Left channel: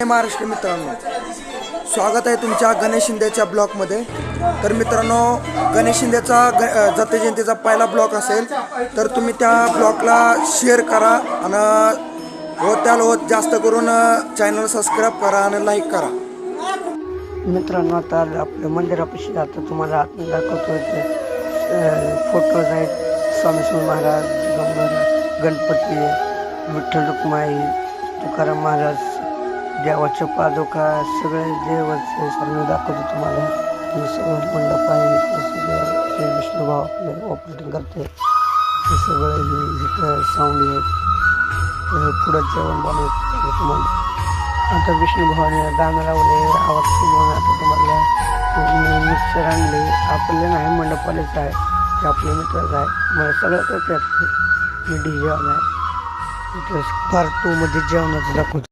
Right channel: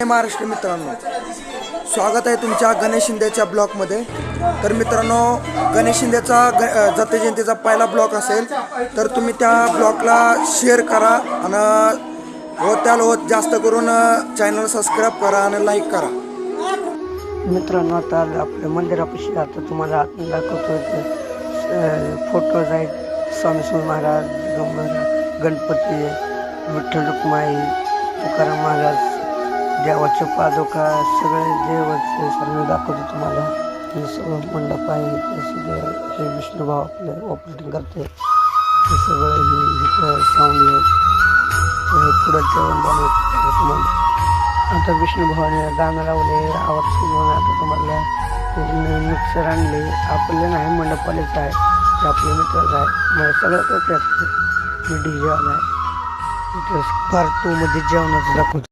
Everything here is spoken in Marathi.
महाराष्ट्र मित्रांनो, स्वागत आहे तुमच्या गणेश शिंदेच्या ब्लॉगमध्ये. तर मित्रांनो, गणेश शिंदेचा दत्त जयंतीचा पहिला ब्लॉग असेल तर तुम्ही त्या ब्लॉगला शेअर करा आणि होत जास्त करून चॅनल सबस्क्राईब करा आणि लाईक करा. मित्रांनो, आता आपल्या मंदिरापाशी आता तुम्हाला आतून दाखवतो. फोटोज आहेत. स्वामी समर्थ महाराज, दिगंबर, गणपती, विठ्ठल रुक्माई, तुकाराम महाराज, देवाच्या पादुका, सगळे देवाचे सर्व दाखवतो तुम्हाला. हे सगळं मंडप आहे. हे सगळं हे विष्णुभाव आपले ऑपरेटिंग करते. हे सगळं हे इथं साऊंड आहेत. पुढं जेवण बनवत तुम्हाला. आता विष्णुभावाने गाणं लावले, आवाज सुरू. आता तुम्हाला मिक्सर आणले. आपले नाही, मंडपवालेच आहे, ते आपले मित्रच आहे. मला सगळं करते. मी DJ वाला आहे. पार्ट 2 मध्ये जेवणाचं दाखवतो.